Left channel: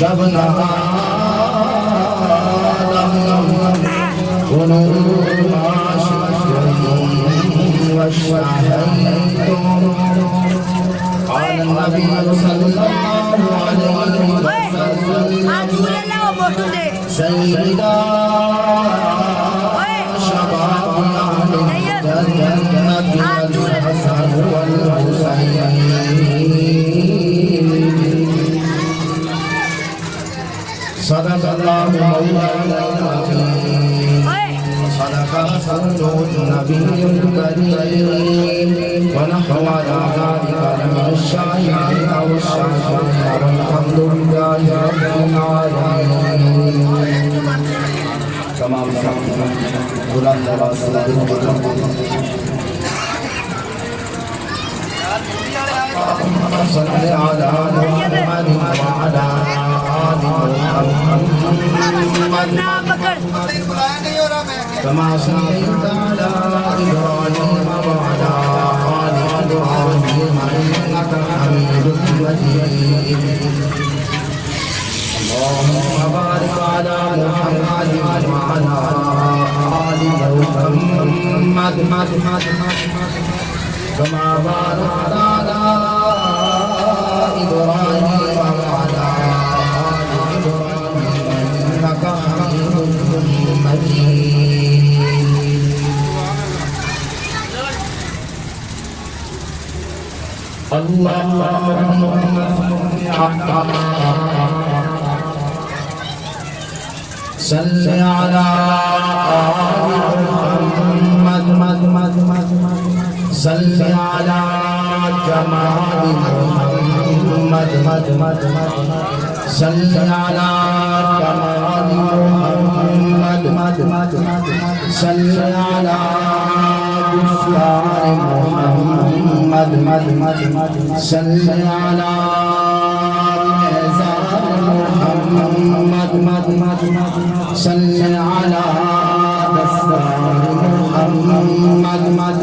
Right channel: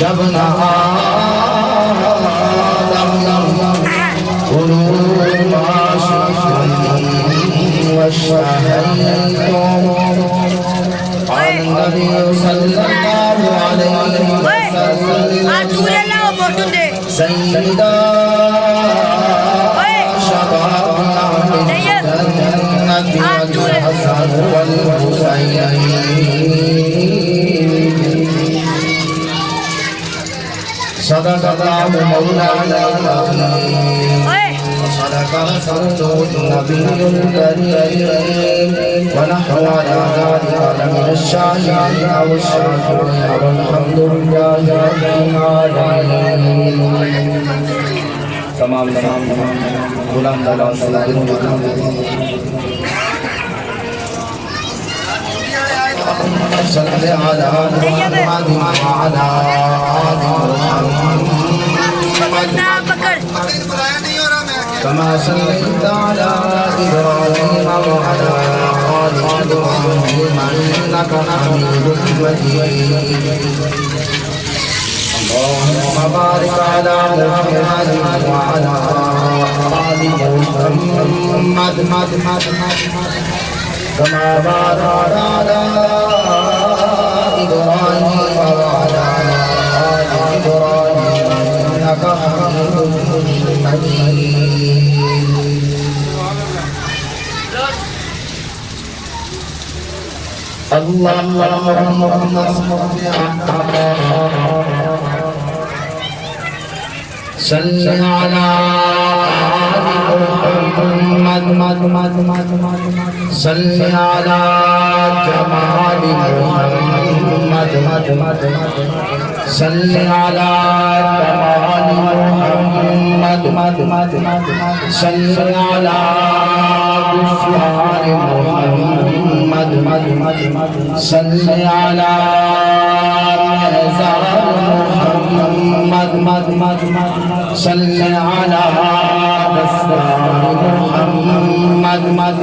جب نہ صدق رسوله النبي الكريم ونحن على ذلك لمن الشاهدين والشاكرين والحمد لله رب العالمين. تمام بلند آواز سے دل صلی علی محمد وعلی آل محمد كما صليت على إبراهيم وعلى آل إبراهيم إنك حميد مجيد. اللهم بارك على محمد وعلى آل محمد كما باركت على إبراهيم وعلى آل إبراهيم إنك حميد مجيد. اللهم صل على آل محمد صل على جمال محمد صل على جمال محمد صل على بشرى محمد صل على زهر محمد صل على بسر محمد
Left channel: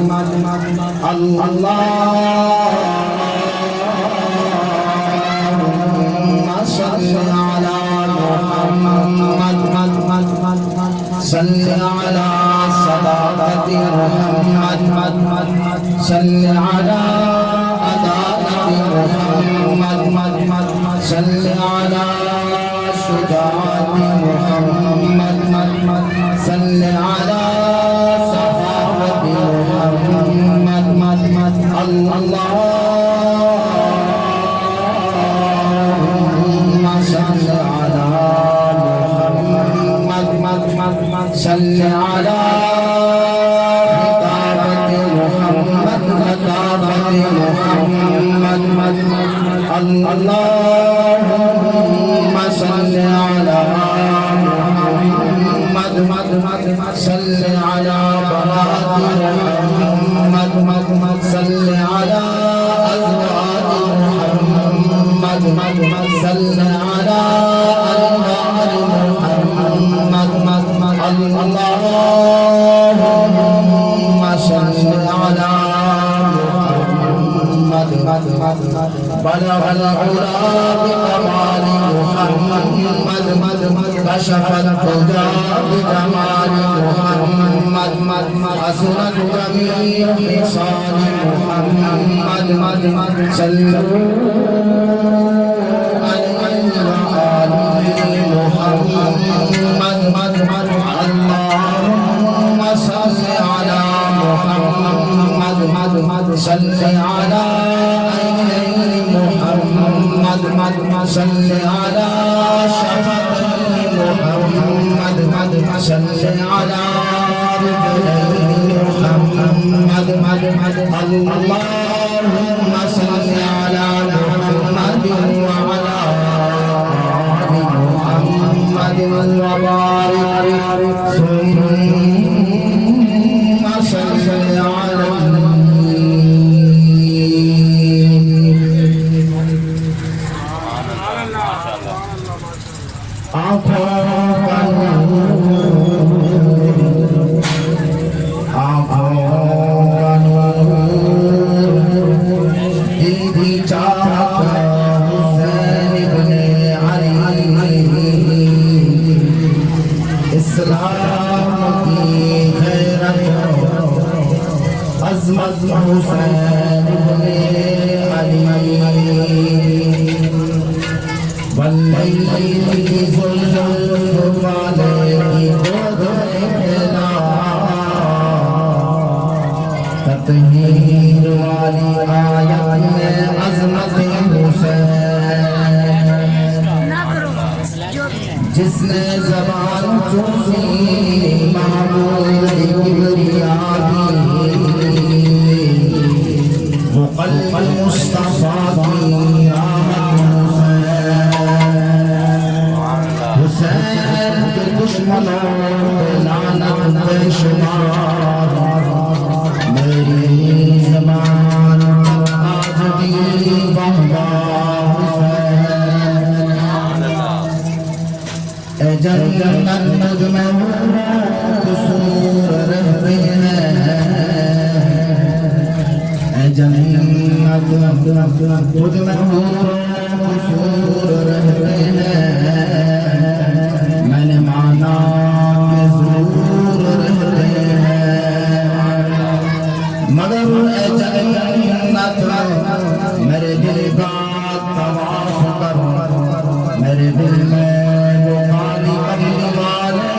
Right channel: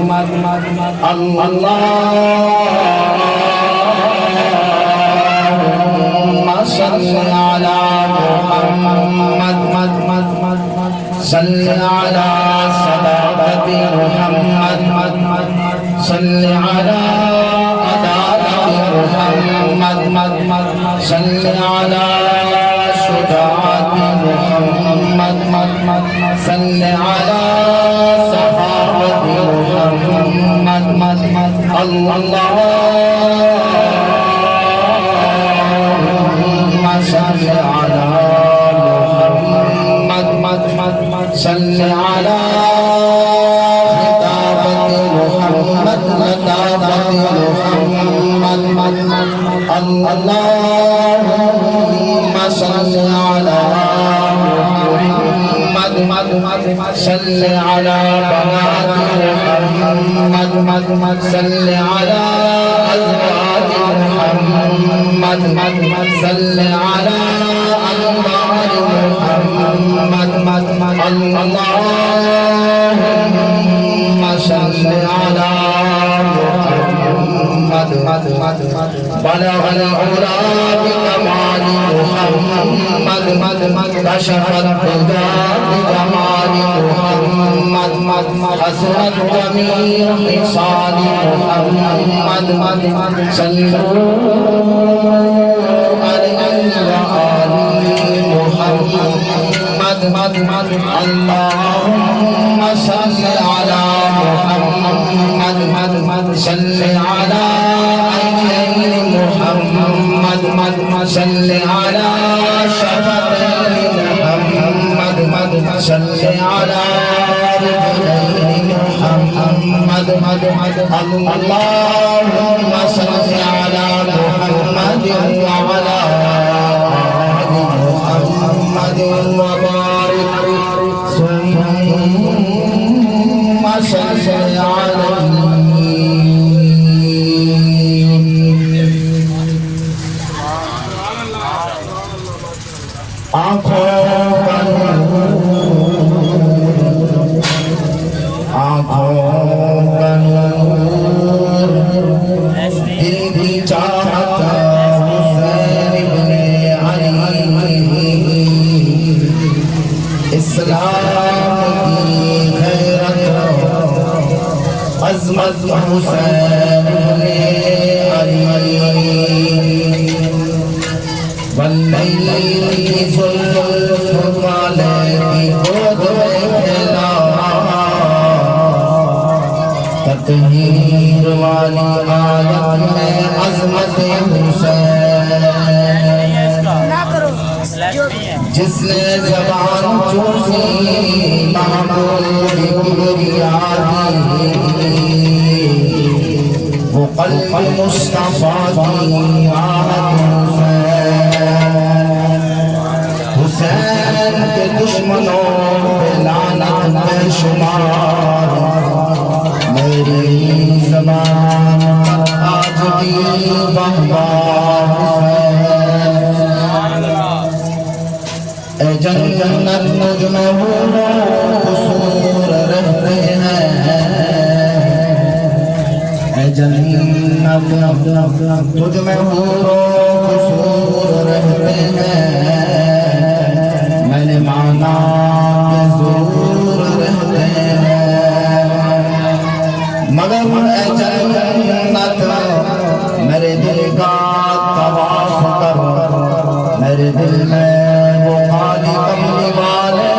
اللهم صل على محمد صل على صداقة محمد صل على عدالة محمد صل على شجاعة محمد صل على صحابة محمد اللهم صل على محمد صل على خطابة محمد لطافة محمد اللهم صل على محمد صل على بهادر محمد صل على أزواج محمد صل على أنوار محمد اللهم صل على محمد بلغ العلا بكمال محمد كشف الهدى بكمال محمد حسنت جميع خصال محمد صلوا عليه وآل محمد اللهم صل على محمد صل على عينين محمد صل على شفتين محمد صل على رجلين محمد اللهم صل على محمد وعلى آل محمد وبارك ثم صل على جس نے زبان قلب مصطفیٰ کی راحت حسین کے دشمنوں پہ لعنت بے شمار میری زبان آج بھی بہوا حسین اے جنت مجھ میں حور و قصور رہتے ہیں اے جنت تجھ میں حور و قصور رہتے ہیں میں نے مانا کہ ضرور رہتے ہیں مگر اے جنت میرے دل کا طواف کر میرے دل میں وہ خالی کملی والے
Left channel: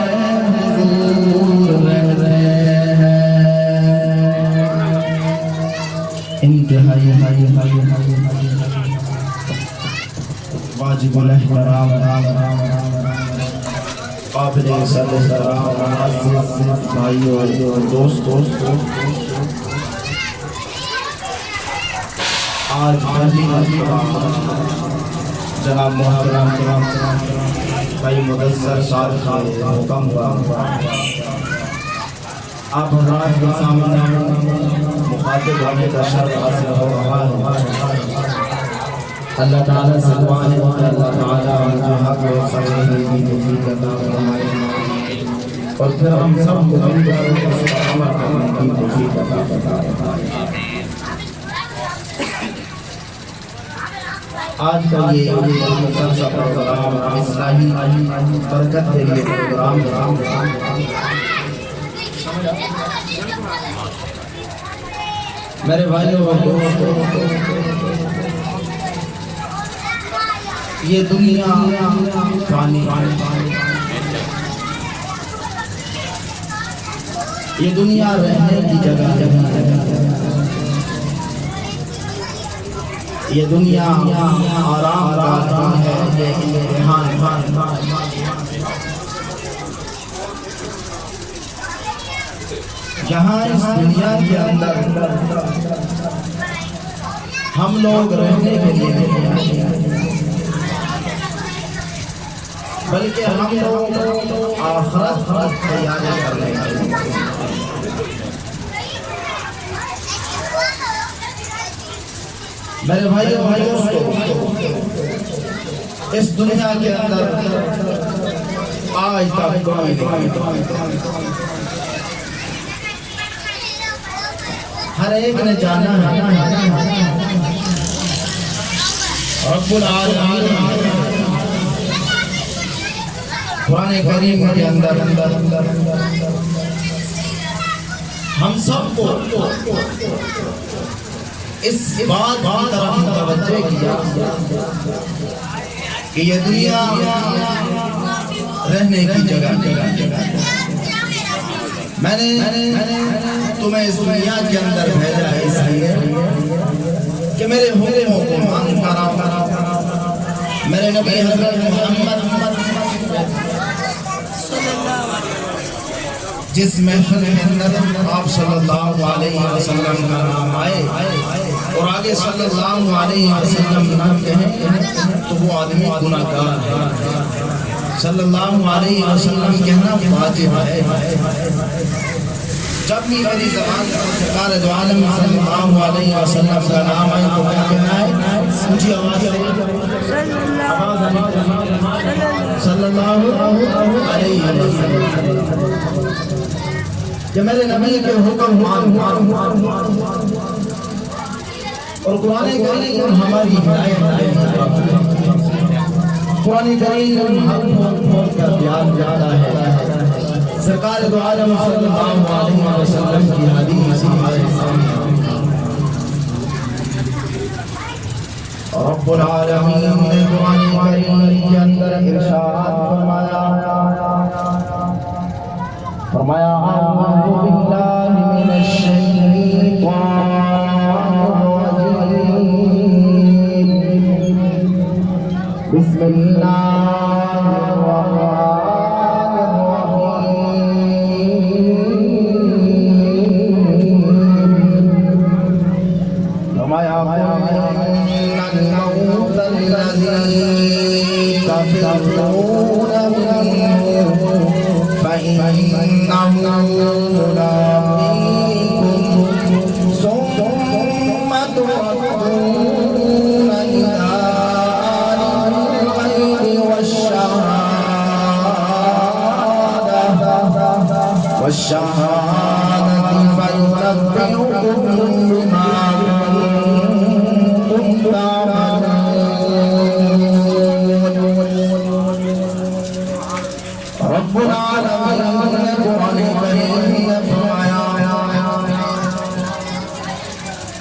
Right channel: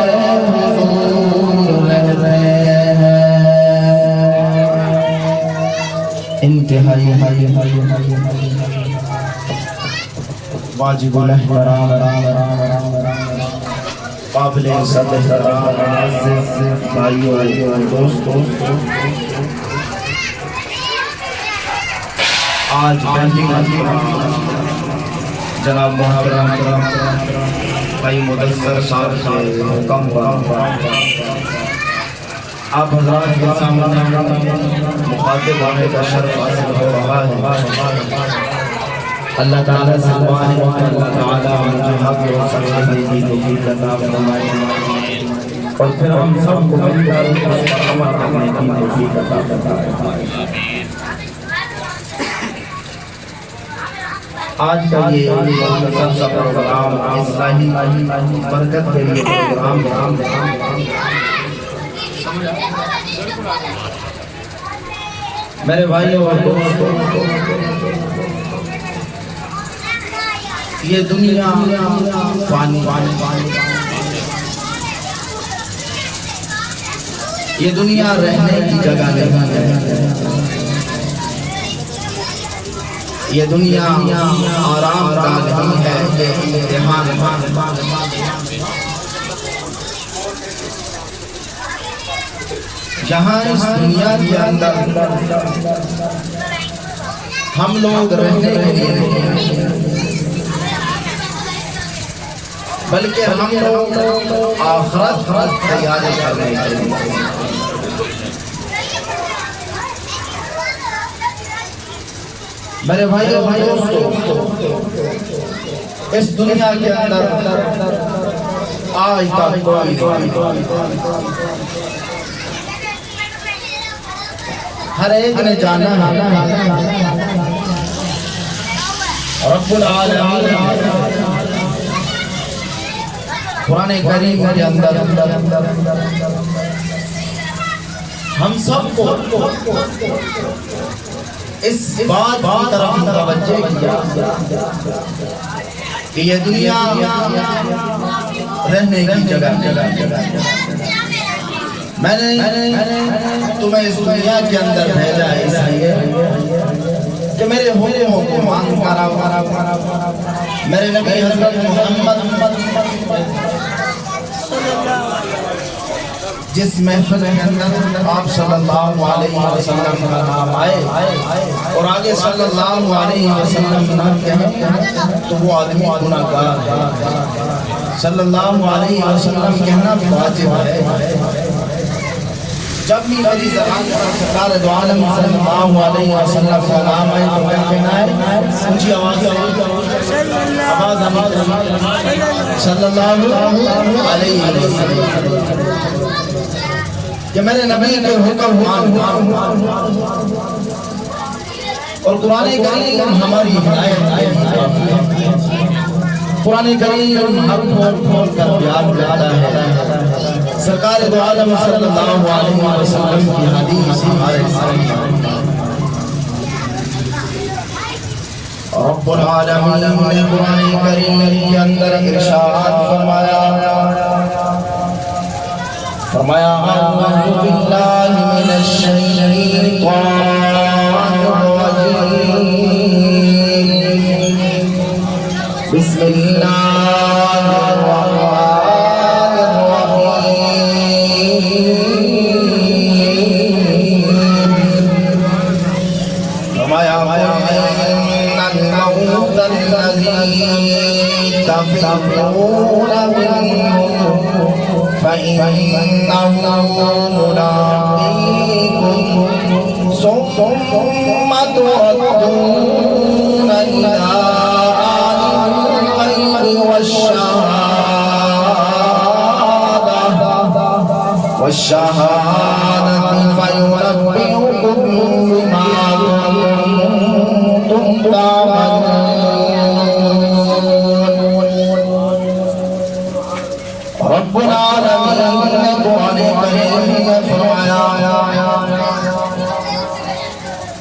حضور رہتے ہیں انتہائی واجب الاحترام قابل صدر معزز بھائیو اور دوستو آج پہلی مرتبہ جناب محترم بھائی مدثر صاحب کے حکم پر آپ حضرات کے سامنے مخاطب ہونے کا شرف حاصل ہو رہا ہے اللہ تعالیٰ سے دعا ہے کہ اللہ تعالیٰ مجھے حق و سمجھنے کی توفیق عطا فرمائے اور پھر ہم سب کو مل کر اس پر عمل کرنے کی توفیق عطا فرمائے آج کا یہ مختصر سا پروگرام اصلاحی برکت کے لیے پروگرام میرے بھائیوں اور دوستوں یہ دنیا فانی یہ دنیا رہنے کی جگہ نہیں ہے یہ دنیا آرام کا نہیں ہے یہ امتحان جہاں اس دنیا کے اندر ہم لوگ رہنے کے لیے نہیں بلکہ ہم لوگ آخرت تیاری کرنے کے لیے میرے بھائیو اور دوستو اس دنیا کے اندر آج تک کوئی ہر ایک نے جانا رب العالمین قرآن کریم کے اندر ہم سب کو اس بات کی طرف متوجہ کیا کہ یہ دنیا رہنے کی جگہ میں نے تمہیں اس دنیا کے اندر بھیجا اس لیے کہ میرے حکموں کو مان کر میرے نبی حضرت محمد صلی اللہ علیہ وسلم جس محفل کے اندر آپ صلی اللہ علیہ وسلم کا نام آئے اور آگے صلی اللہ علیہ وسلم نہ کہیں تو وہ آدمی گناہگار ہے صلی اللہ علیہ وسلم کہنا واجب ہے جب بھی علی زبان سرکار دو عالم صلی اللہ علیہ وسلم کا نام آئے تو کیا کہنا ہے اونچی آواز صلی اللہ علیہ وسلم کہ میرے نبی کے حکم مان اور قرآن کریم ہماری ہدایت قرآن کریم حق کھول کر بیان کرتا ہے سرکار دو عالم صلی اللہ علیہ وسلم کی حدیث ہمارے سامنے رب العالمین نے قرآن کریم کے اندر ارشاد فرمایا اعوذ باللہ من الشیطان الرجیم بسم اللہ فرمایا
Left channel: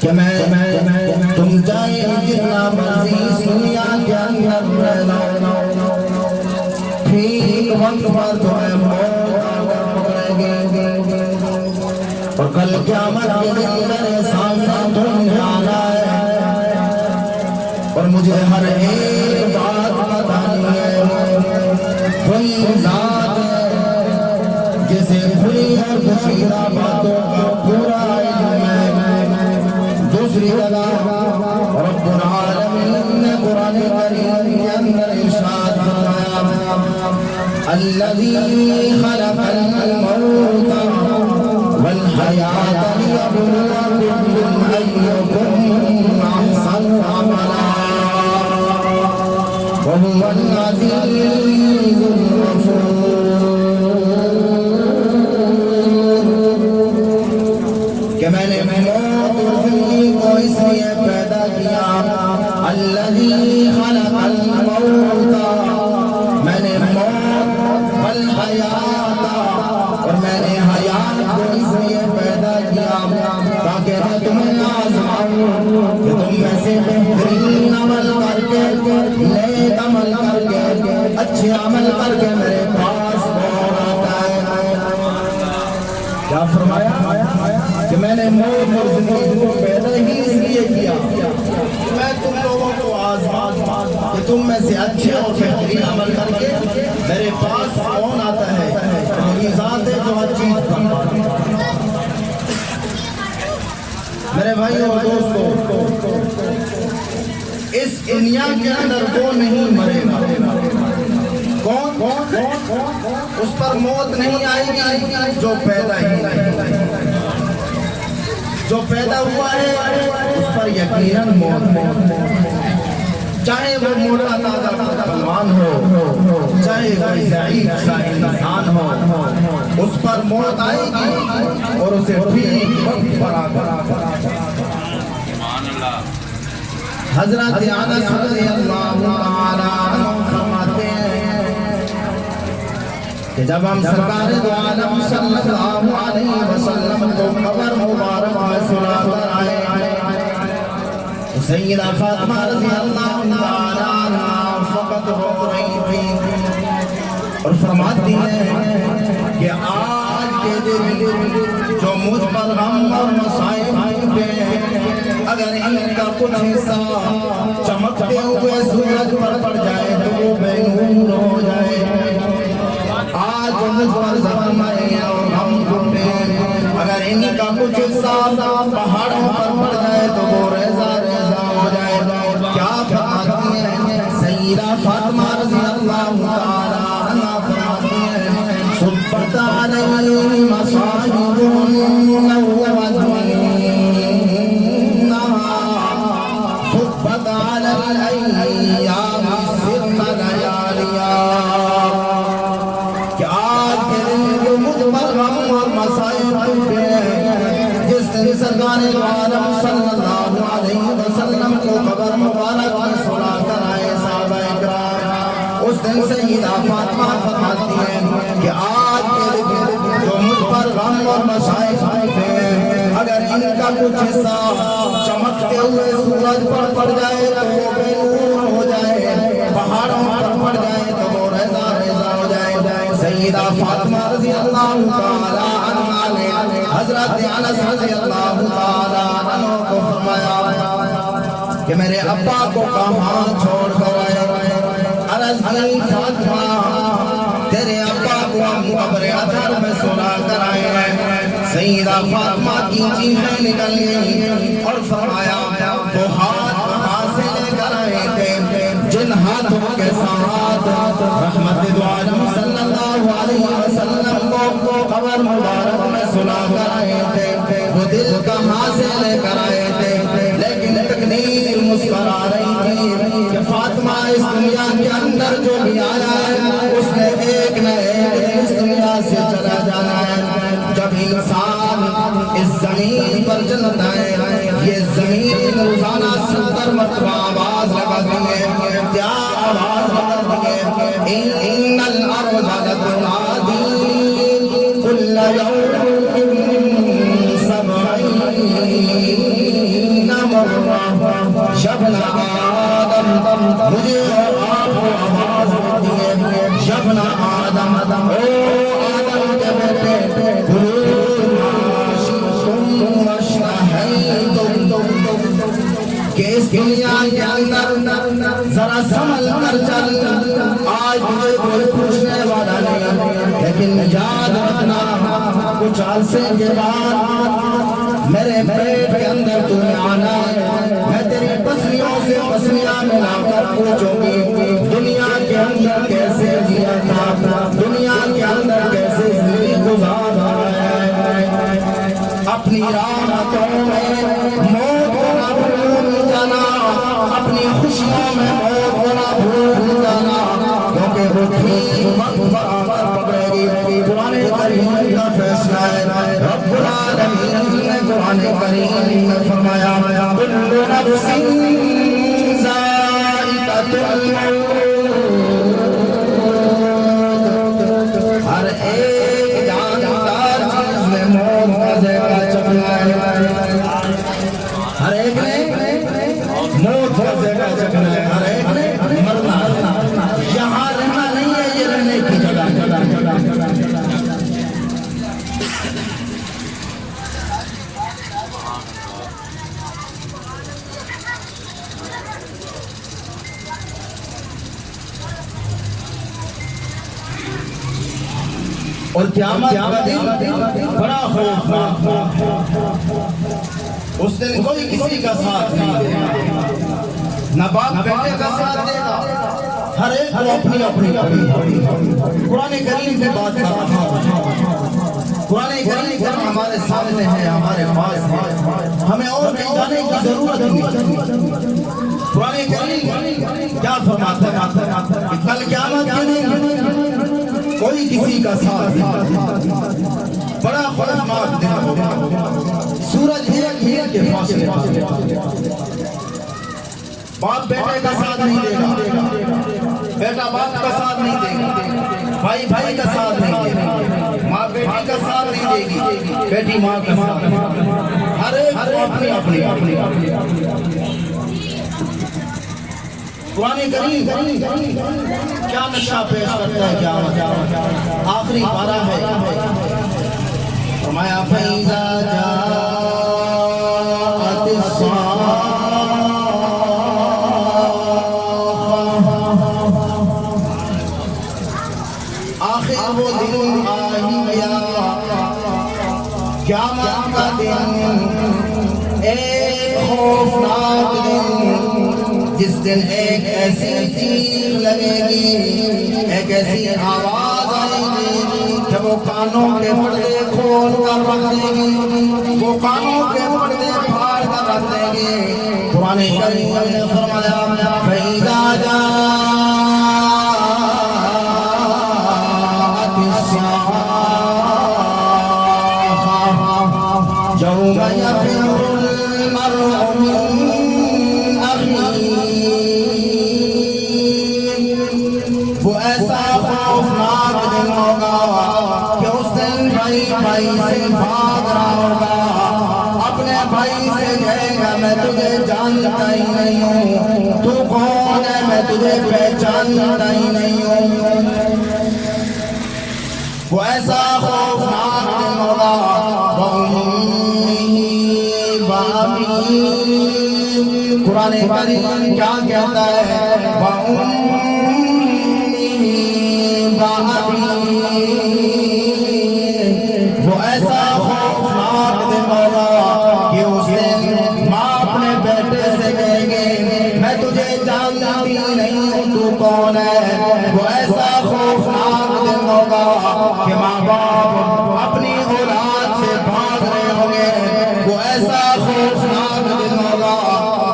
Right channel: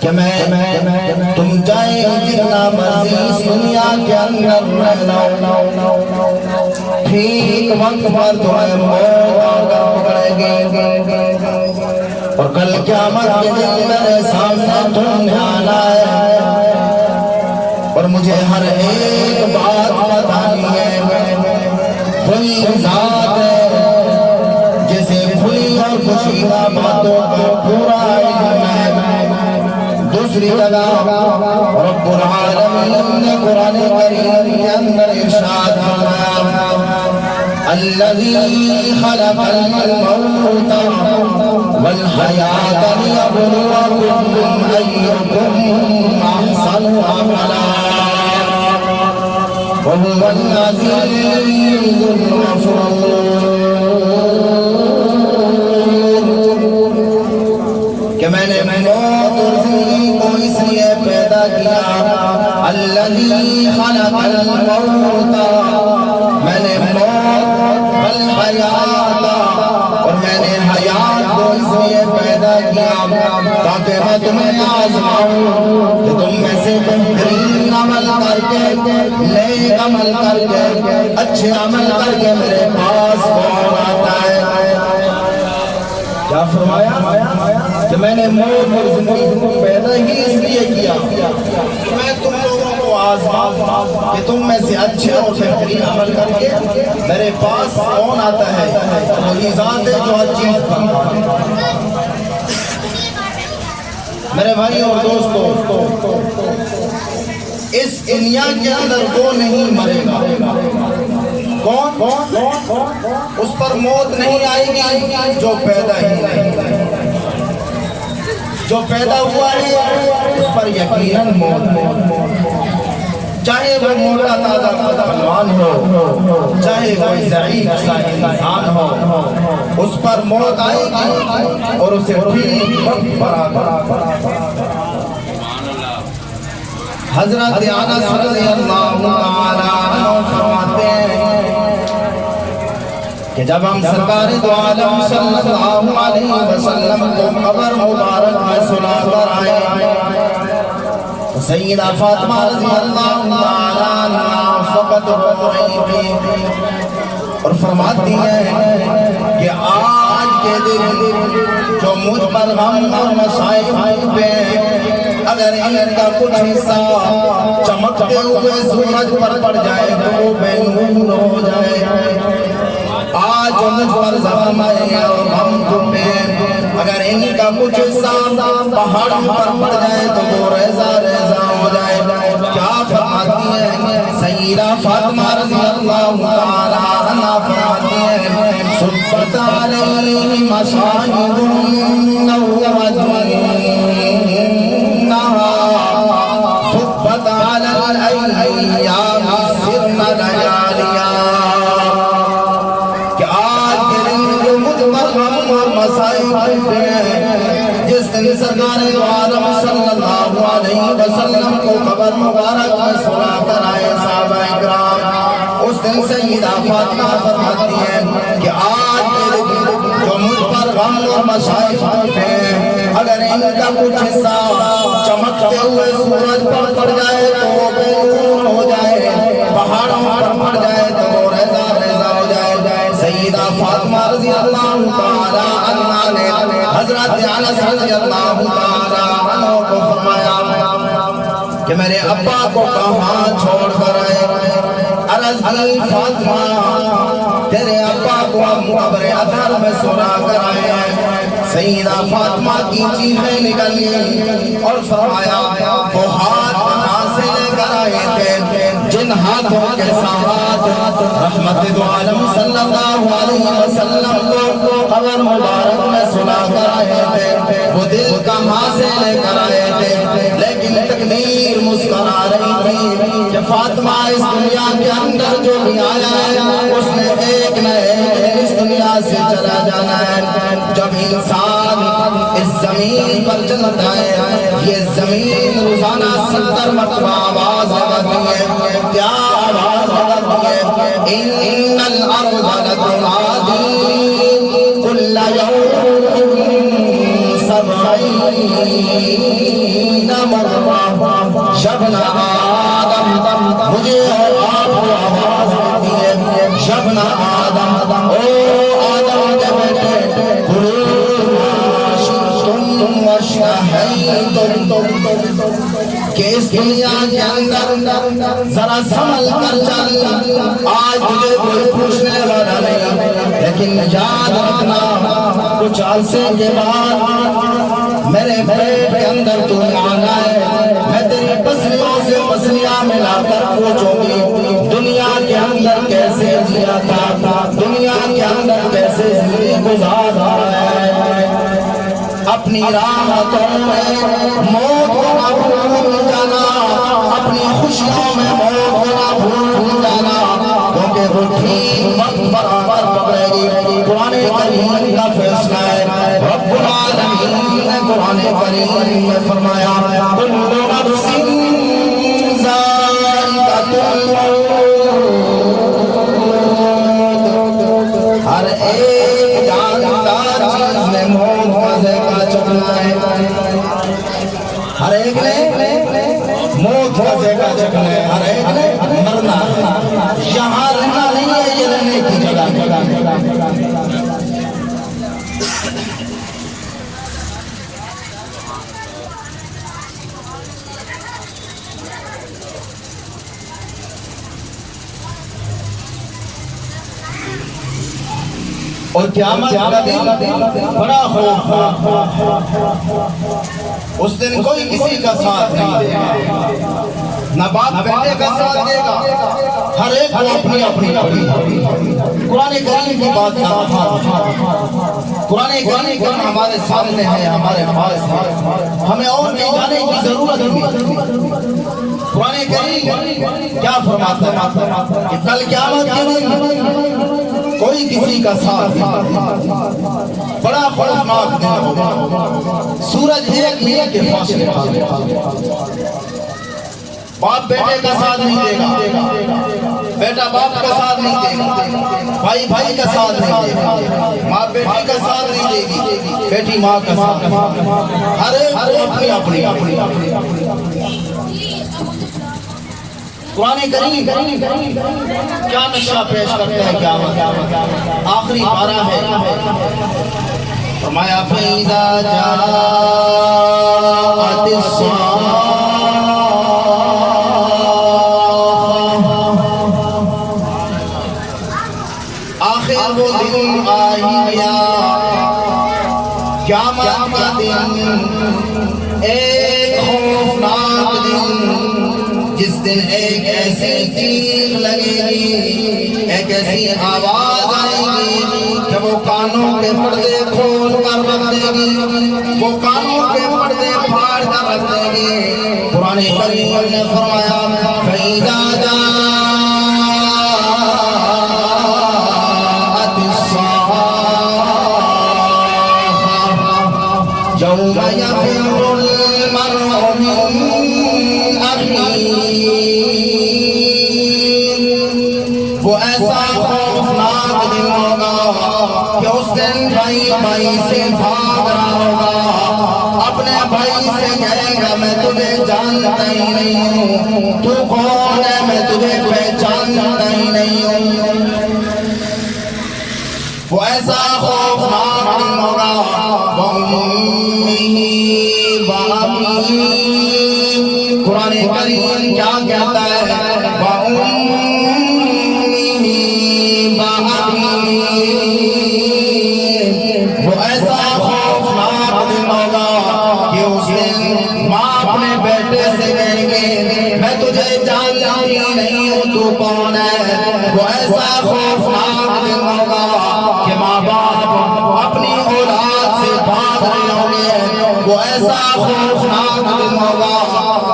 کہ میں تم جائے جتنا مرضی اس دنیا کے اندر رہ لو، ٹھیک وقت پر تمہیں موت آ کر پکڑے گی، اور کل قیامت کے دن میرے سامنے تم نے آنا ہے، اور مجھے ہر ایک بات بتانی ہے۔ وہی ذات ہے جسے کھلی اور پوشیدہ باتوں کا پورا علم ہے۔ دوسری جگہ رب العالمین نے قرآن کریم کے اندر ارشاد فرمایا، الذی خلق الموت والحیاۃ لیبلوکم ایکم احسن عملا وهو العزیز الغفور۔ کہ میں نے موت اور زندگی کو اس لیے پیدا کیا، الذی خلق الموت، میں نے موت والحیات، اور میں نے حیات کو اس لیے پیدا کیا تاکہ میں تمہیں آزماؤں کہ تم میں سے بہترین عمل کر کے، نیک عمل کر کے، اچھے عمل کر کے میرے پاس کون آتا ہے۔ کیا فرمایا کہ میں نے موت اور زندگی کو پیدا ہی اس لیے کیا کہ میں تم لوگوں کو آزماؤں کہ تم میں سے اچھے اور بہترین عمل کر کے میرے پاس کون آتا ہے۔ وہی ذات ہے جو ہر چیز بناتی ہے۔ میرے بھائی اور دوستو، اس دنیا کے اندر وہ نہیں مرے گا۔ کون؟ اس پر موت نہیں آئے گی جو پیدا ہی نہیں، جو پیدا ہوا ہے اس پر یقیناً موت، چاہے وہ موٹا تازہ پہلوان ہو، چاہے وہ ضعیف سا انسان ہو، اس پر موت آئے گی اور اسے ٹھیک وقت پر آ کر۔ حضرت انس رضی اللہ تعالیٰ عنہ فرماتے ہیں کہ جب ہم سرکار دو عالم صلی اللہ علیہ وسلم کو قبر مبارک میں سلا کر آئے، سیدہ فاطمہ رضی اللہ تعالیٰ عنہ فقط رو رہی تھی اور فرماتی ہیں کہ آج کے دن جو مجھ پر غم اور مصائب پہ، اگر ان کا کچھ حصہ چمکتے ہوئے سورج پر پڑ جائے تو وہ بے نور ہو جائے۔ آج جو مجھ پر زخم آئے اور غم پہ، اگر ان کا کچھ حصہ پہاڑوں پر پڑ جائے تو وہ ریزہ ریزہ ہو جائے۔ کیا فرماتی ہیں سیدہ فاطمہ رضی اللہ تعالیٰ عنہا فرماتی ہیں، صبت علیہ مصائب نومت صبت علی الایام سرن لیالیا، کہ آج کے دن جو مجھ پر غم اور مصائب جس دن سرکار دو عالم صلی اللہ علیہ وسلم کو قبر مبارک میں سلا کر آئے صحابہ اکرام، اس دن سیدہ فاطمہ فرماتی ہیں کہ آج کے دن جو مجھ پر غم اور مصائب ہیں، اگر ان کا کچھ حصہ چمکتے ہوئے سورج پر پڑ جائے تو وہ بے نور ہو جائے، پہاڑوں پر پڑ جائے تو وہ ریزہ ریزہ ہو جائے۔ سیدہ فاطمہ رضی اللہ تعالیٰ عنہا نے حضرت انس رضی اللہ تعالیٰ عنہ کو فرمایا کہ میرے ابا کو کہاں چھوڑ کر آئے؟ عرض کی فاطمہ تیرے ابا کو ہم قبر اطہر میں سلا کر آئے ہیں۔ سیدہ فاطمہ کی چیخیں نکل گئی اور فرمایا وہ ہاتھ کہاں سے لے کر آئے تھے جن ہاتھوں کے ساتھ رحمت دو عالم صلی اللہ علیہ وسلم کو قبر مبارک میں سلا کر آئے تھے، وہ دل کہاں سے لے کر آئے تھے؟ لیکن تقدیر مسکرا رہی تھی کہ فاطمہ اس دنیا کے اندر جو بھی آیا ہے اس نے ایک نہ ایک اس دنیا سے چلا جانا ہے۔ جب انسان اس زمین پر چلتا ہے، یہ زمین روزانہ 70 مرتبہ آواز لگاتی ہے۔ کیا آواز لگاتی ہے؟ ان الارض لتنادی کل یوم 70 مرة شبنا آدم مجھے اور آپ کو آواز دیتی ہے شبنا آدم او آدم کے بیٹے قلوب عاشقتم واشتہیتم کہ اس دنیا کے اندر ذرا سنبھل کر چل آج مجھے کوئی پوچھنے والا نہیں لیکن یاد رکھنا کچھ عرصے کے بعد میرے پیٹ کے اندر تمہیں آنا ہے میں تیری پسلیوں سے پسلیاں ملا کر پوچھوں گی دنیا کے اندر کیسے جیا تھا دنیا کے اندر کیسے زندگی گزارا ہے اپنی راحتوں میں موت کو نہ بھول جانا اپنی خوشیوں میں موت کو نہ بھول جانا کیونکہ وہ ٹھیک وقت برابر پکڑے گی قرآن کریم کا فیصلہ ہے رب العالمین نے قرآن کریم میں فرمایا کل نفس ذائقۃ الموت ہر ایک جاندار چیز میں موت مزے کا چکنا ہے ہر ایک نے موت مزے کا چکنا ہے ہر ایک نے مرنا یہاں رہنا نہیں ہے یہ رہنے کی جگہ اور قیامت کا دن بڑا خوف اس دن کوئی کسی کا ساتھ نہیں دے گا نہ باپ بیٹے کا ساتھ دے گا ہر ایک کو اپنی قرآن کریم کی بات کر رہا قرآن کریم ہمارے سامنے ہے ہمارے پاس ہے ہمیں اور کہیں جانے کی ضرورت نہیں قرآن کریم کیا فرماتا ہے کہ کل قیامت کے دن کوئی کسی کا ساتھ نہیں بڑا خوفناک دن ہوگا سورج ایک میل کے فاصلے باپ بیٹے کا ساتھ نہیں دے گا بیٹا باپ کا ساتھ نہیں دے گا بھائی بھائی کا ساتھ نہیں دے گا ماں بیٹی کا ساتھ نہیں دے گی بیٹی ماں کا ساتھ ہر ایک اپنی قرآن کریم کیا نقشہ پیش کرتا ہے کیا آخری پارہ ہے فرمایا فَإِذَا جَاءَتِ الصَّاخَّةُ آخر وہ دن آ گیا قیامت کا دن ایک خوفناک دن جس دن ایک ایسی چیخ لگے گی ایک ایسی آواز آئے گی کہ وہ کانوں کے پردے کھول کر رکھ دے گی وہ کانوں کے پردے پھاڑ کر رکھ دے گی قرآن کریم نے فرمایا فَإِذَا جَاءَتِ الصَّاخَّةُ يَوْمَ يَفِرُّ الْمَرْءُ مِنْ أَخِيهِ وہ ایسا خوفناک دن ہوگا کہ اس دن بھائی سے بھاگ رہا ہوگا اپنے بھائی سے کہے گا میں تجھے جانتا ہی نہیں ہوں تو کون ہے میں تجھے پہچانتا ہی نہیں ہوں وہ ایسا خوفناک دن ہوگا قرآن کریم کیا کہتا ہے وہ ایسا خوفناک دن ہوگا کہ اس دن ماں اپنے بیٹے سے کہے گی میں تجھے جانتا ہی نہیں ہوں تو کون ہے وہ ایسا خوفناک دن ہوگا کہ ماں باپ اپنی اولاد سے بھاگ رہے ہوں گے وہ ایسا خوفناک دن ہوگا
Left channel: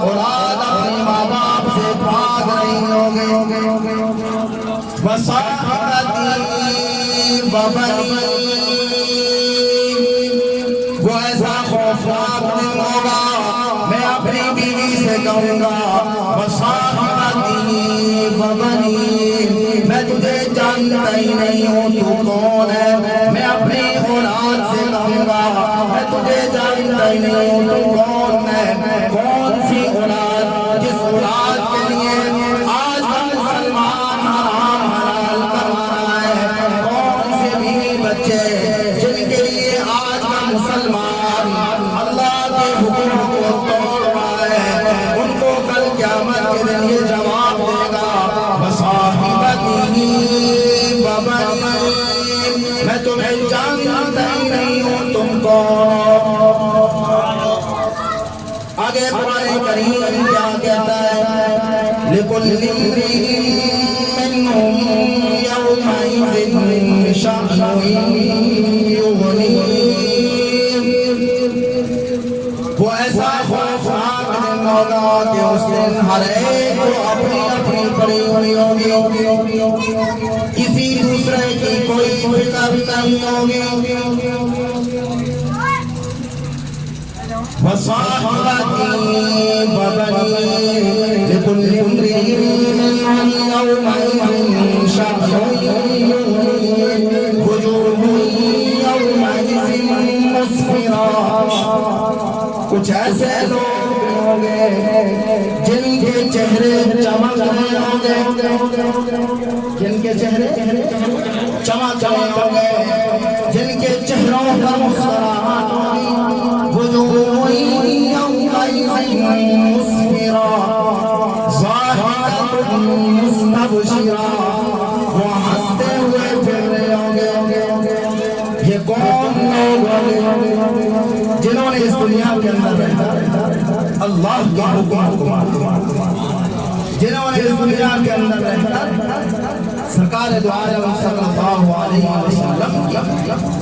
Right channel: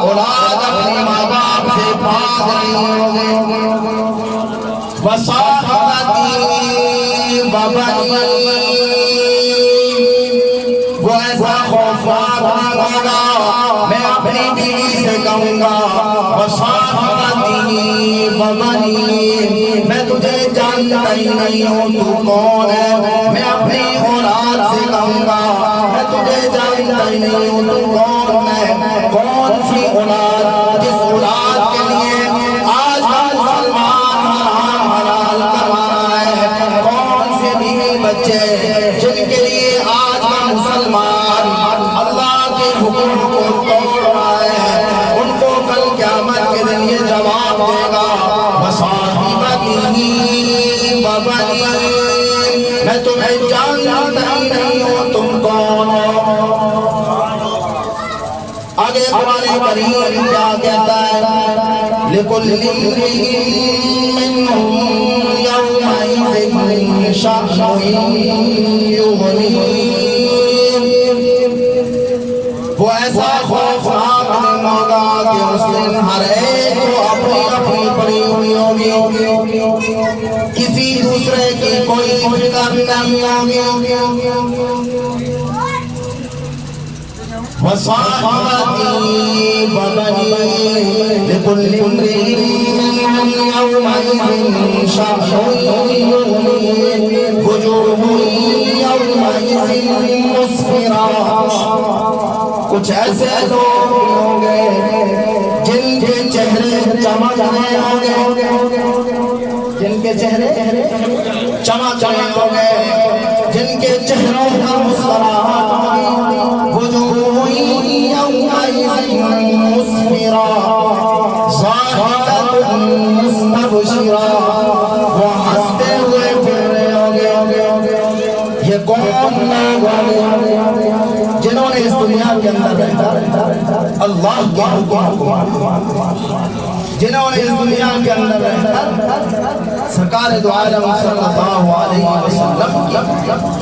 اولاد اپنی ماں باپ سے بھاگ رہی ہوں گے وہ ایسا خوفناک دن ہوگا میں اپنی بیوی سے کون ہے؟ کون سی اولاد جس اولاد کے لیے آج ہم مسلمان حرام حلال کروا رہے ہیں؟ کون سے بیوی بچے جن کے لیے آج ہم مسلمان اللہ کے حکم کو توڑ رہے ہیں؟ ان کو کل قیامت کے دن یہ جواب دے گا بصاحبتہ وبنیہ، میں تمہیں جانتا ہی نہیں ہوں تم کو۔ آگے قرآن کریم کیا کہتا ہے؟ لِكُلِّ امْرِئٍ مِّنْهُمْ يَوْمَئِذٍ شَأْنٌ يُغْنِيهِ۔ وہ ایسا خوفناک دن ہوگا کہ اس دن ہر ایک کو اپنی اپنی پڑی ہوئی ہوگی، کسی دوسرے کی کوئی فکر نہیں ہوگی۔ وصاحبتہ وبنیہ، لِكُلِّ امْرِئٍ مِّنْهُمْ يَوْمَئِذٍ شَأْنٌ يُغْنِيهِ، وُجُوهٌ يَوْمَئِذٍ مُسْفِرَةٌ۔ کچھ ایسے لوگ ہوں گے جن کے چہرے چمک رہے ہوں گے، جن کے چہرے چمک رہے ہوں گے، جن کے چہروں پر مسکراہٹ ہوگی۔ وجوہ یومئذ مسفرہ ضاحکۃ مستبشرہ، وہ ہنستے ہوئے پھر رہے ہوں گے۔ یہ کون لوگ ہوں گے؟ جنہوں نے اس دنیا کے اندر اللہ کے حکم کو، جنہوں نے اس دنیا کے اندر رہ کر سرکار دو عالم صلی اللہ علیہ وسلم کی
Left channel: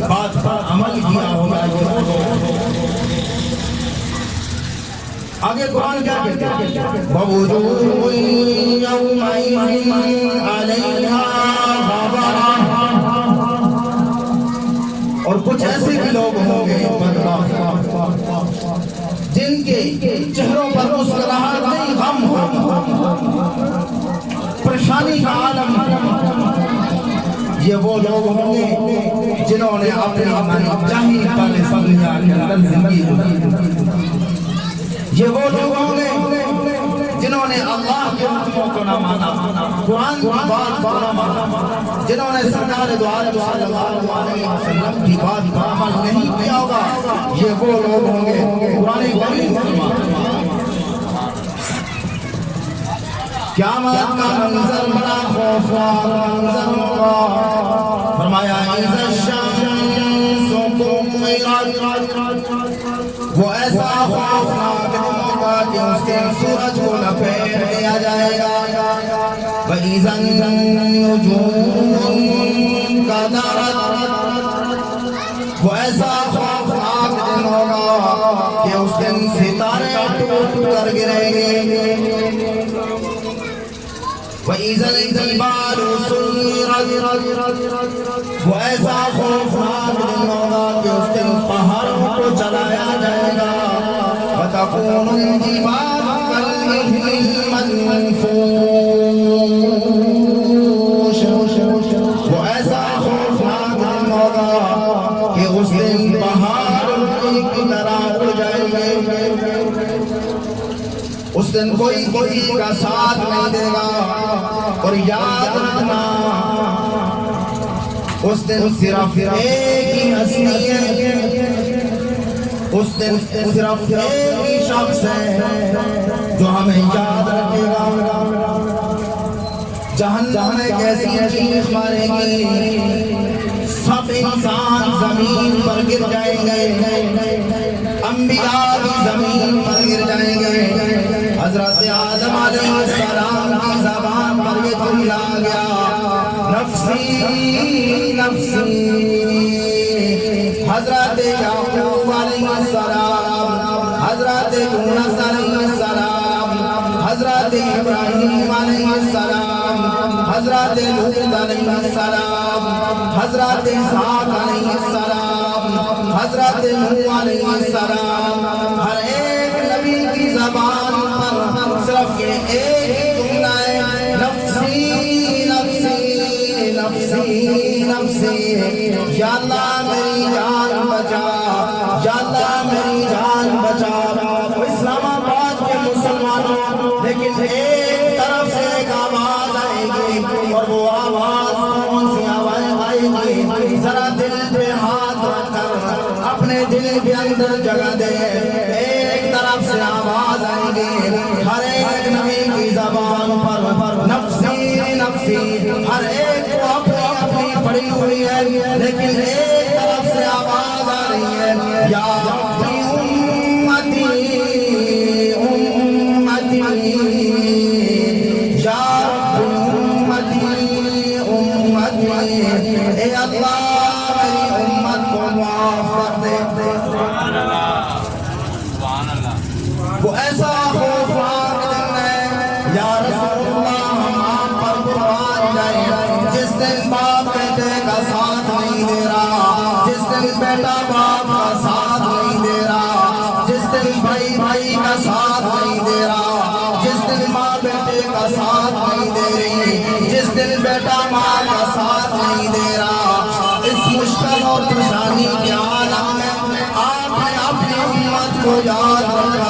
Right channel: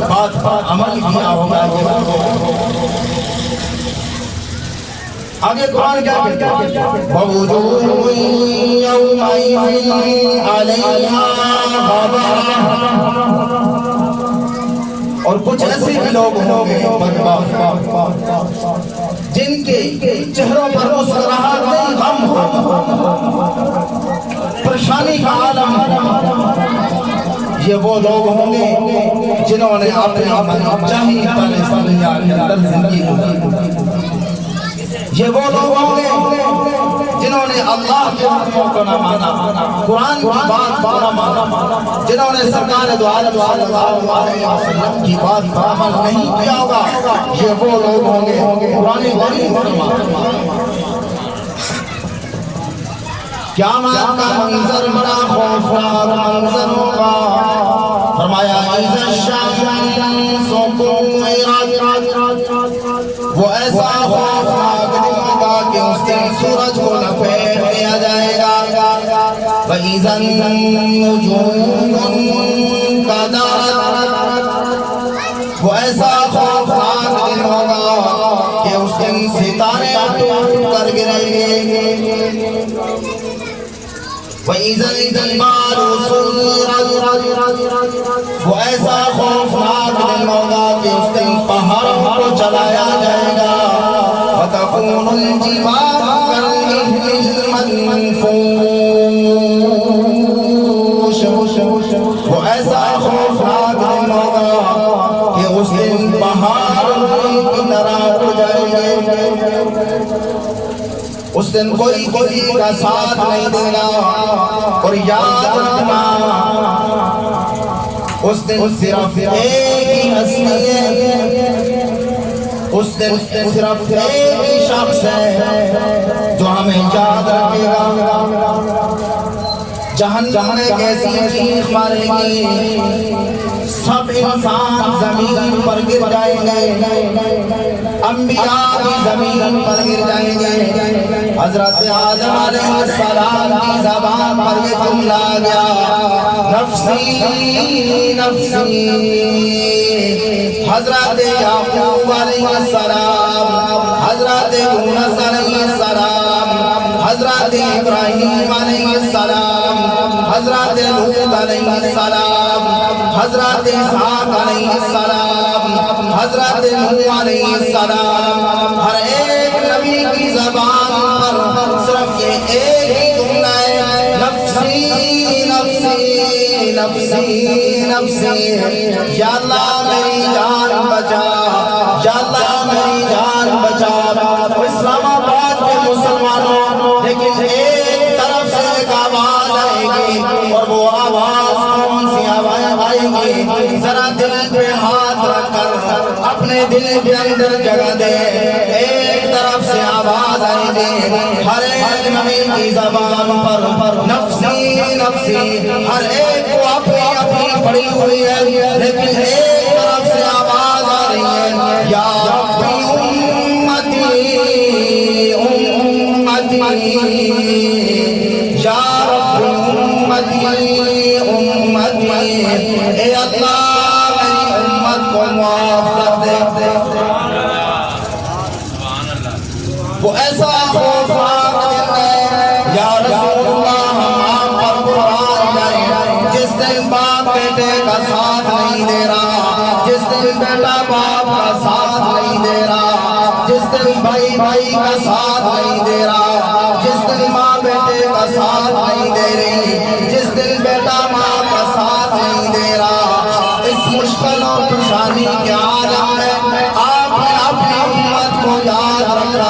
بات پر عمل کیا ہوگا۔ آگے قرآن کیا کہتا ہے؟ وَوُجُوهٌ يَوْمَئِذٍ عَلَيْهَا غَبَرَةٌ۔ اور کچھ ایسے بھی لوگ ہوں گے جن کے چہروں پر مسکراہٹ نہیں، غم پریشانی کا عالم۔ یہ وہ لوگ ہوں گے جنہوں نے اپنی من چاہی دنیا کے اندر زندگی گزاری۔ یہ وہ لوگ ہوں گے جنہوں نے اللہ کے حکموں کو نہ مانا، قرآن کی بات کو نہ مانا، جنہوں نے سرکار دو عالم صلی اللہ علیہ وسلم کی بات پر عمل نہیں کیا ہوگا۔ یہ وہ لوگ ہوں گے قرآن کریم کو مانا۔ قیامت کا منظر بڑا خوفناک منظر ہوگا۔ فرمایا اِذَا الشَّمْسُ كُوِّرَتْ، وہ ایسا خوفناک دن ہوگا کہ اس دن سورج کو لپیٹ لیا جائے گا۔ وَإِذَا النُّجُومُ انكَدَرَتْ، وہ ایسا خوفناک دن ہوگا کہ اس دن ستارے ٹوٹ کر گریں گے۔ وَإِذَا الْجِبَالُ سُيِّرَتْ، وہ ایسا خوفناک دن ہوگا کہ اس دن پہاڑوں کو جلایا جائے گا۔ وَتَكُونُ الْجِبَالُ كَالْعِهْنِ الْمَنفُوشِ، وہ ایسا خوفناک دن ہوگا کہ اس دن پہاڑ کی طرح ہو جائیں گے۔ اس دن کوئی کسی کا ساتھ نہیں دے گا۔ اور یاد رکھنا اس دن صرف ایک ہی ہستی ہے، اس دن صرف ایک ہی شخص ہے جو ہمیں یاد رکھے گا۔ جہنم میں کیسی چیخ مارے گی، سب انسان زمین پر گر جائیں گے، انبیاء بھی زمین پر گر جائیں گے۔ حضرت آدم علیہ السلام کی زبان پر یہ جملہ آ گیا، نفسی نفسی۔ حضرت یعقوب علیہ السلام، حضرت یونس علیہ السلام، حضرت ابراہیم علیہ السلام، حضرت لوط علیہ السلام، حضرت اسحاق علیہ السلام، حضرت نوح علیہ السلام، ہر ایک نبی کی زبان پر صرف یہ ایک ہی جملہ ہے، نفسی نفسی نفسی نفسی۔ یا اللہ میری جان بچا، یا اللہ میری جان بچا۔ وہ ایسا خوفناک دن ہے یا رسول اللہ ہم پر قرآن نہیں، جس دن باپ بیٹے کا ساتھ نہیں دے رہا، جس دن بیٹا باپ کا ساتھ نہیں دے رہا، جس دن بھائی بھائی کا ساتھ نہیں دے رہا، جس دن ماں بیٹے کا ساتھ نہیں دے رہی، جس دن بیٹا ماں کا ساتھ نہیں دے رہا، اس مشکل اور پریشانی کے عالم میں آپ نے اپنی امت کو یاد رکھا،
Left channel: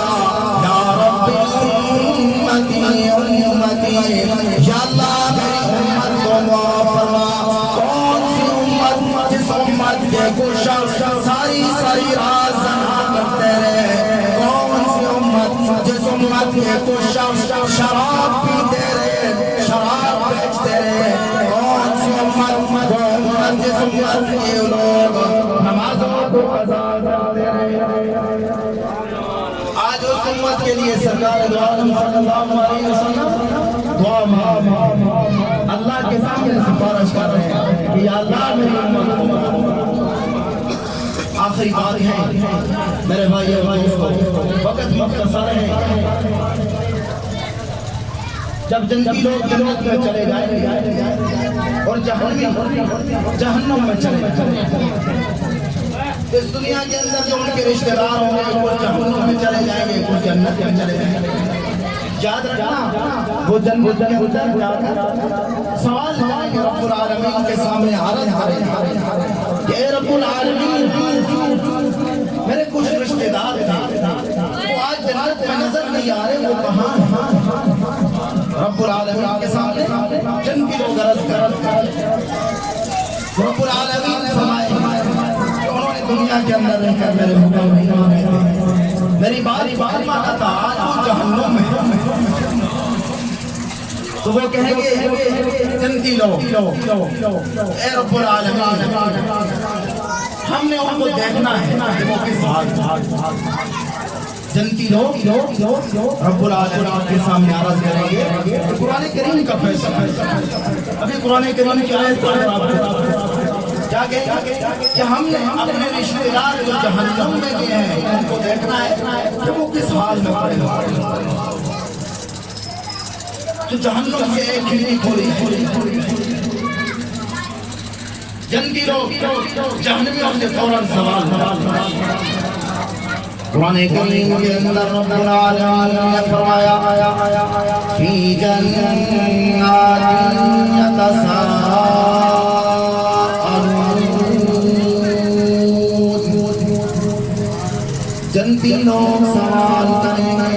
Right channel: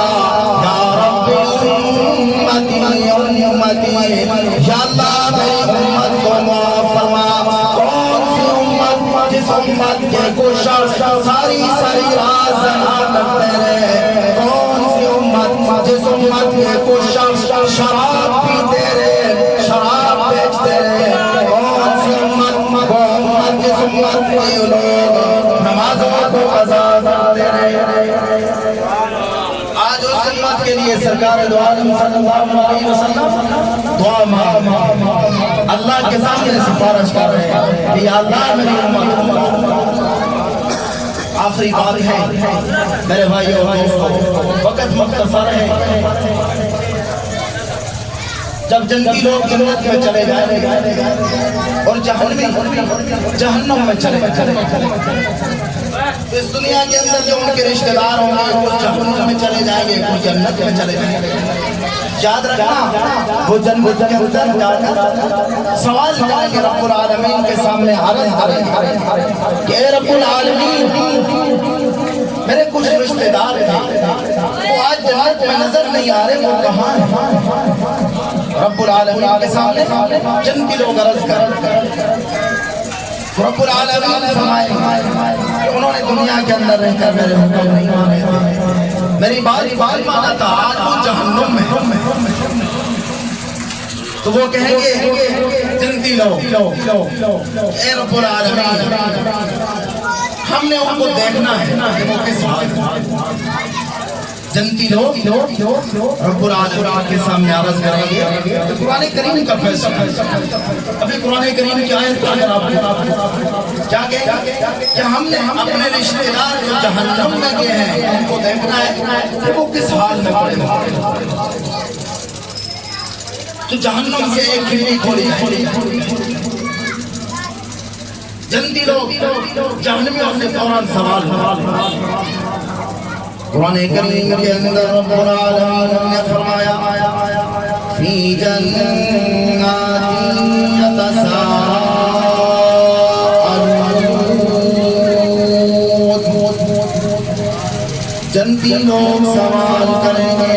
یا اللہ میری امت کو معاف فرما۔ کون سی امت جس امت کے کوشش ساری رات زنا کرتے رہے، کون سی امت جس امت کے کوشش شراب پیتے رہے، شراب بیچتے رہے، کون سی امت جس امت کے لوگ نمازوں کو قضا کرتے رہے۔ آج اس امت کے لیے سرکار دو عالم صلی اللہ علیہ وسلم دعا مانگ اللہ کے سامنے سفارش کر رہے ہیں کہ یا اللہ میری امت۔ آخری بات ہے میرے بھائی اور دوستو، وقت مختصر ہے، جب جنتی لوگ جنت میں چلے جائیں گے اور جہنم میں چلے جائیں، اس دنیا کے اندر جو ان کے رشتہ دار ہوں گے وہ جہنم میں چلے جائیں گے، وہ جنت میں چلے جائیں گے۔ یاد رکھنا وہ جنت کے اندر جا کر سوال کریں گے رب العالمین کے سامنے، کہ اے رب العالمین میرے کچھ رشتہ دار تھے وہ آج جنت میں نظر نہیں آ رہے، وہ کہاں ہیں؟ رب العالمین کے سامنے جنتی لوگ عرض کر رب العالمین فرمائیں کہ انہوں نے دنیا کے اندر رہ کر میرے حکم نہیں مانے تھے، میری بات مانا تھا، آج وہ جہنم میں۔ تو وہ کہیں گے جنتی لوگ اے رب العالمین ہم نے ان کو دیکھنا ہے وہ کس حال۔ جنتی لوگ رب العالمین کے سامنے عرض کریں گے، قرآن کریم کا فیصلہ، ابھی قرآن کریم کی آیت اگر آپ کیا کہ ہم نے اپنے رشتہ دار جو جہنم میں گئے ہیں ان کو دیکھنا ہے کہ وہ کس حال میں پڑے ہیں۔ تو جہنم سے ایک کھڑکی کھولی، جنتی لوگ جہنمیوں سے فوراً سوال ہوا۔ قرآن کریم کے اندر رب العالمین نے فرمایا فی جنات یتساءلون، جنتی لوگ سوال کریں گے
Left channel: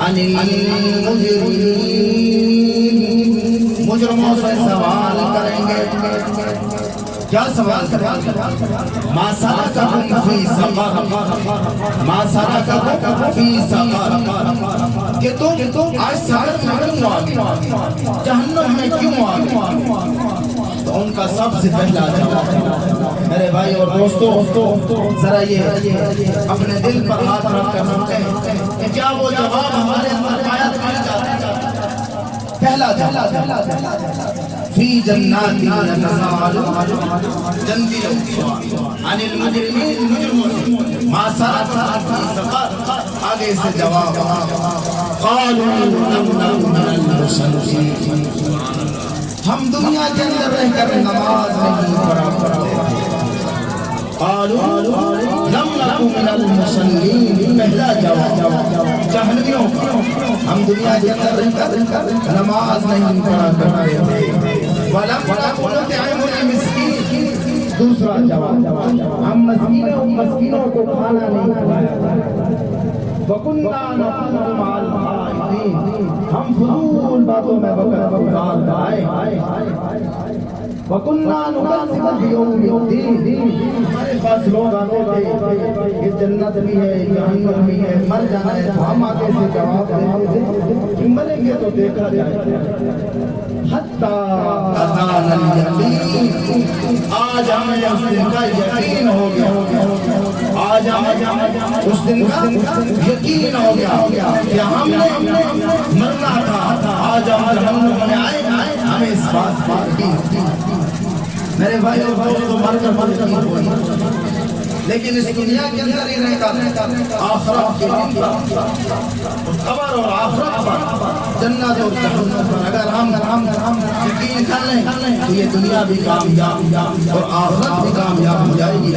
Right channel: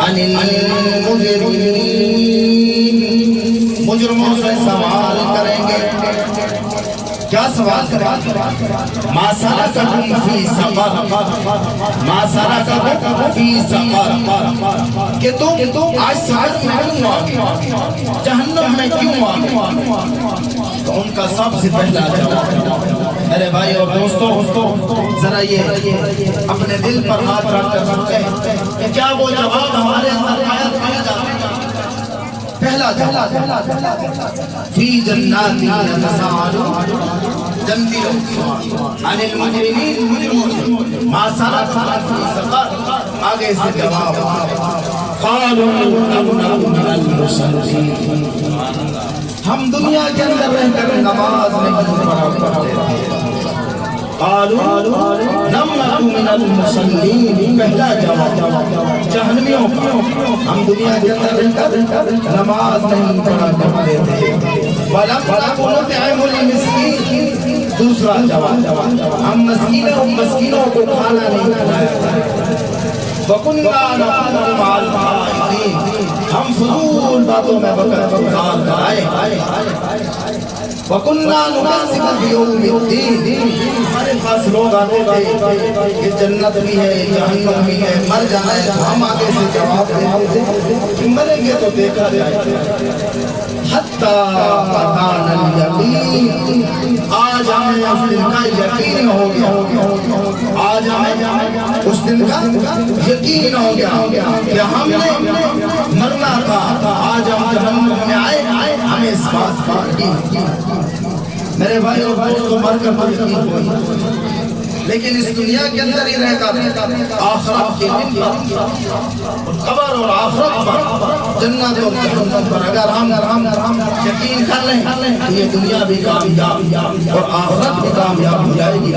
عن المجرمین، مجرموں سے سوال کریں گے۔ کیا سوال کریں گے؟ ما سلککم فی سقر، ما سلککم فی سقر، کہ تم آج سقر میں کیوں آگے، جہنم میں کیوں آگے؟ تو ان کا سب سے پہلا جواب، میرے بھائی اور دوستو ذرا یہ اپنے دل پر ہاتھ رکھ کر سمجھیں کہ کیا وہ جواب ہمارے اندر آیت مل جاتا ہے؟ پہلا جواب فی جنات یتساءلون، جنتی لوگ عن المجرمین، مجرموں سے ما سلککم فی سقر، آگے سے جواب قالوا لم نک من المصلین، ہم دنیا کے اندر رہ کر نماز نہیں پڑھا کرتے تھے۔ قالوا لم نک من المصلین، پہلا جواب جہنمیوں کا، ہم دنیا کے اندر رہ کر نماز نہیں پڑھا کرتے تھے۔ ولم نک نطعم المسکین، دوسرا جواب ہم مسکینوں کو کھانا نہیں کھلاتے۔ وَكُنَّا نَخُوضُ مَعَ الْخَائِضِينَ، ہم فضول باتوں میں وقت گزار گئے۔ وَكُنَّا نُكَذِّبُ بِيَوْمِ الدِّينِ، ہمارے پاس لوگ آتے تھے کہ جنت بھی ہے جہنم بھی ہے، مر جانا ہے، تو ہم آگے سے جواب دیتے تھے کہ مریں گے تو دیکھا جائے۔ حَتَّى أَتَانَا الْيَقِينُ، آج ہمیں اس دن کا یقین ہو گیا، آج ہمیں اس دن کا یقین ہو گیا کہ ہم نے مرنا تھا، آج ہم جہنم میں آئے، ہمیں اس بات کی۔ میرے بھائیوں تو مر کر یقین ہوئی، لیکن اس دنیا کے اندر ہی رہ کر آخرت کے دن پر قبر اور آخرت پر جنت اور جہنم پر اگر ہم یقین کر لیں یہ دنیا بھی کامیاب اور آخرت بھی کامیاب ہو جائے گی.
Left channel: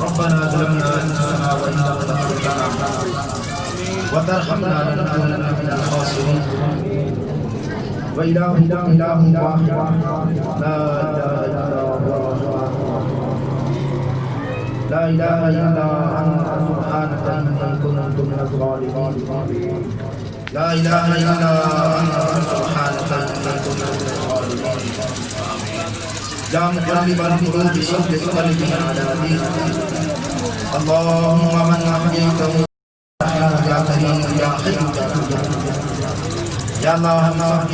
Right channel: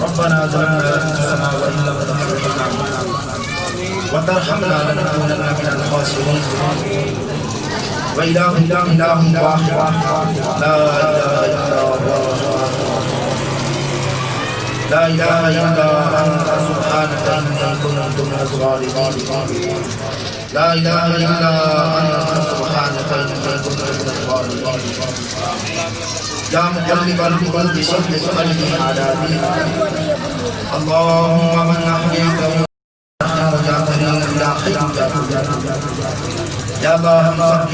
ربنا ظلمنا أنفسنا وإن لم تغفر لنا وترحمنا لنكونن من الخاسرين. وإله إله واحد لا إله إلا هو لا إله إلا أنت سبحانك إني كنت من الظالمين. لا إله إلا أنت سبحانك إني كنت من الظالمين. يا مقلب القلوب ثبت قلبي على دينك. اللهم من أحييته يا كريم يا حي يا قيوم. يا الله ثبت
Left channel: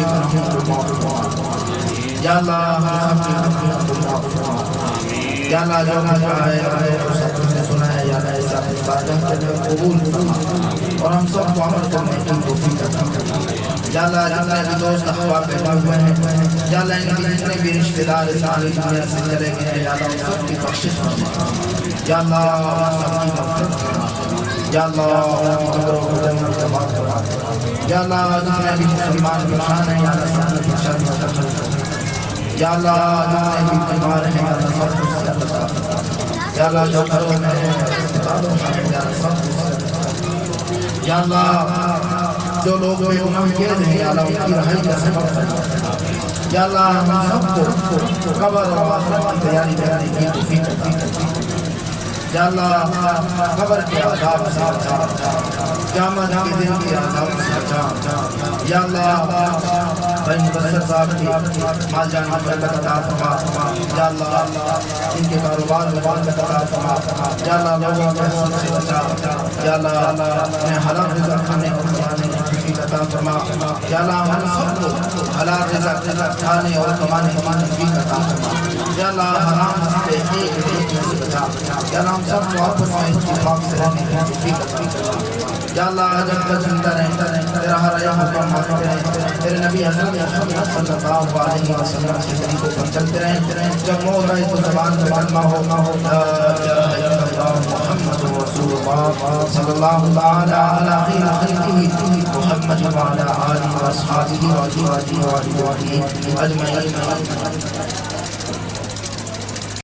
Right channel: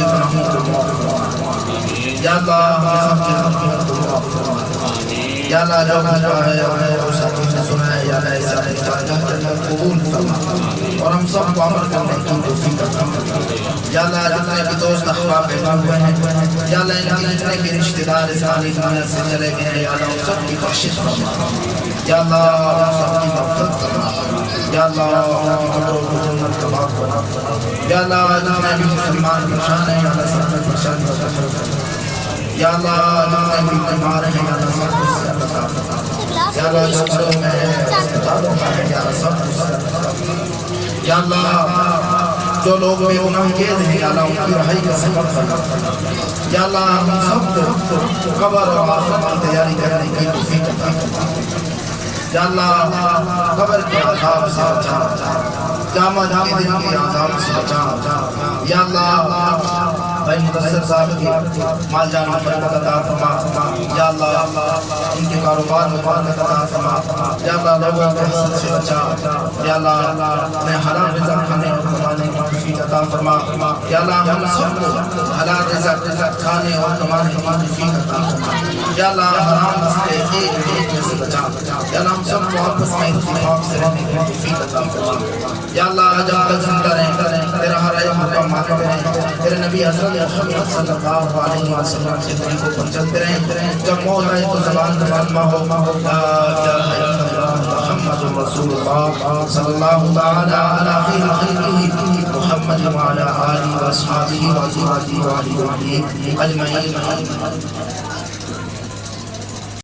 يا الله ثبت یا اللہ جو کچھ ہے اور سب کچھ سنا ہے یا ایسا اتفاقہ جنت قبول فرما اور ہم سب کو عمل کرنے کی توفیق عطا فرما. یا اللہ جتنے بھی دوست احباب بیٹھے ہوئے ہیں یا اللہ ان کی جتنے بھی رشتہ دار اس عالم دنیا سے چلے گئے ہیں یا اللہ ان سب کی بخشش فرما. یا اللہ ان سب کی مغفرت فرما. یا اللہ ان کی قبروں کو جنت کا باغ بنا. یا اللہ جتنے بھی مسلمان پریشان ہیں یا اللہ سب کی پریشانی کو ختم فرما. یا اللہ جتنے بھی بیمار ہیں یا اللہ سب کو صحت عطا فرما. یا اللہ جو گھروں میں ہیں اسپتالوں میں ہیں یا اللہ سب کو صحت عطا فرما. یا اللہ جو لوگ بے گناہ قید ہیں یا اللہ ان کی رہائی کا سبب فرما. یا اللہ ہم سب کو قبر اور آخرت کی تیاری کرنے کی توفیق عطا فرما. یا اللہ قبر کے عذاب سے بچا, قیامت کے دن کے عذاب سے بچا. یا اللہ بھائی مدثر صاحب کی مال جان میں برکت عطا فرما. یا اللہ ان کے کاروبار میں برکت عطا فرما. یا اللہ لوگوں کے حسد سے بچا. یا اللہ انہیں حلال رزق کھانے اور کمانے کی توفیق عطا فرما. یا اللہ ہم سب کو حلال رزق کھانے اور کمانے کی توفیق عطا فرما. یا اللہ حرام سے ایک میں سے بچا. یا اللہ ہم سب کو آپس میں اتفاق سے رہنے کی توفیق عطا فرما. یا اللہ جب تک زندہ رہیں تیرا ہر ایک حکم مانتے رہیں, تیرے نبی حضرت محمد صلی اللہ علیہ وسلم سے طریقوں پر چلتے رہیں. جب موت آئے تو زبان پر کلمہ ہو لا الہ الا اللہ محمد رسول اللہ صلی اللہ تعالی علی خیر خلقہ محمد وعلی آلہ واصحابہ اجمعین.